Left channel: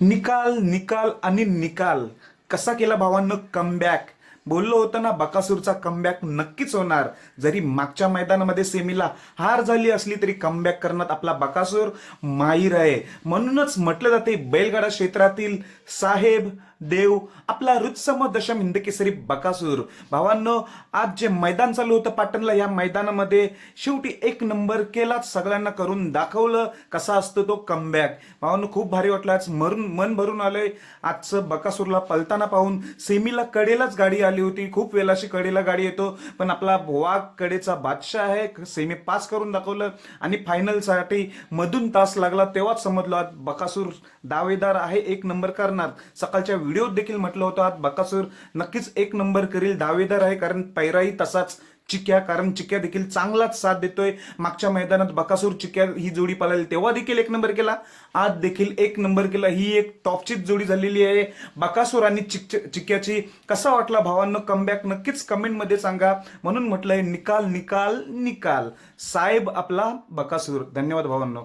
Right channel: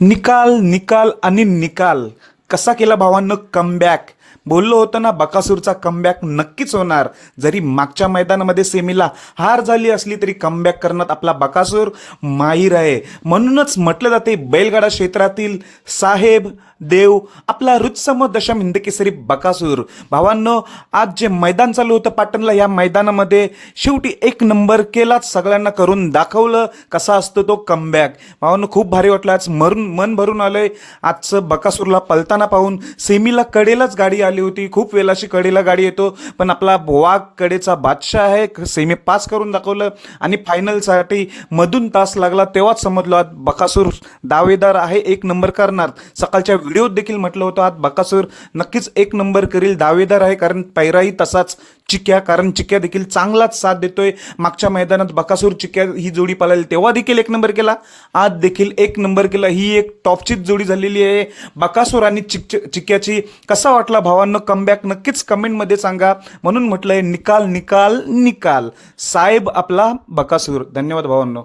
निकाल निकाल आणि निकाल. कसा केला भावांनो कमबॅक बोललो होतं ना बकासूरचा कमबॅक नक्कीच होणार. जरी मागच्या मैदानामध्ये सेमीला हार झाली असली तरी कमबॅक करण्यात आपला बकासूर माहीर आहे. म्हणूनच म्हटलं जाते बैलगाडा क्षेत्रातील साहेब देव आपला रुत्सम दशम हिंदकेसरी बकासूर. भावांनो आज जे मैदान चालू होतं पाटणला या मैदानामध्ये शेवटी एक नंबर केलाच सगळ्यांना करून दाखवलं कसा असतो तो कमबॅक भावांनो खूप भारी वाटलं. आज मरून मन भरून आलंय. आजचं बकासूरला पलताना पाहून सेमीला कडेलाच गाडी आली होती. खूप वेलाशी कडेला गाडी येतो. पण आपला भोवा कडेचा बादशाह आहे. सेमी पास करून दाखवलं. आणि फायनलसाठी मधून तास लागला. तेव्हाच समजलो आज बकासूर दावेदार आहे. एक नंबर करणार. सकाळच्या व्हिडिओत देखील म्हटलं होतं आज बकासूर नक्कीच एक नंबर करील. दावेदार आहे. कारण पैराही तसाच चिक्या. कारण चिक्या देखील चांगलाच साथ देतोय. मागच्या मैदानात बकासूर चिक्या ही जोडी पळाली. तेव्हा देखील एक नंबर केला. आज देखील एक नंबर केला. ही एक टॉपचीच जोडी झालेली आहे. बकासूर आणि चिक चिक्याची कसा वाटला भावांनो कमबॅक नक्कीच कमेंटमध्ये सांगा. म्हणून म्हटलंय निकाल निकाल निकाल. साहेब आपला बकासूर. धन्यवाद भावांनो.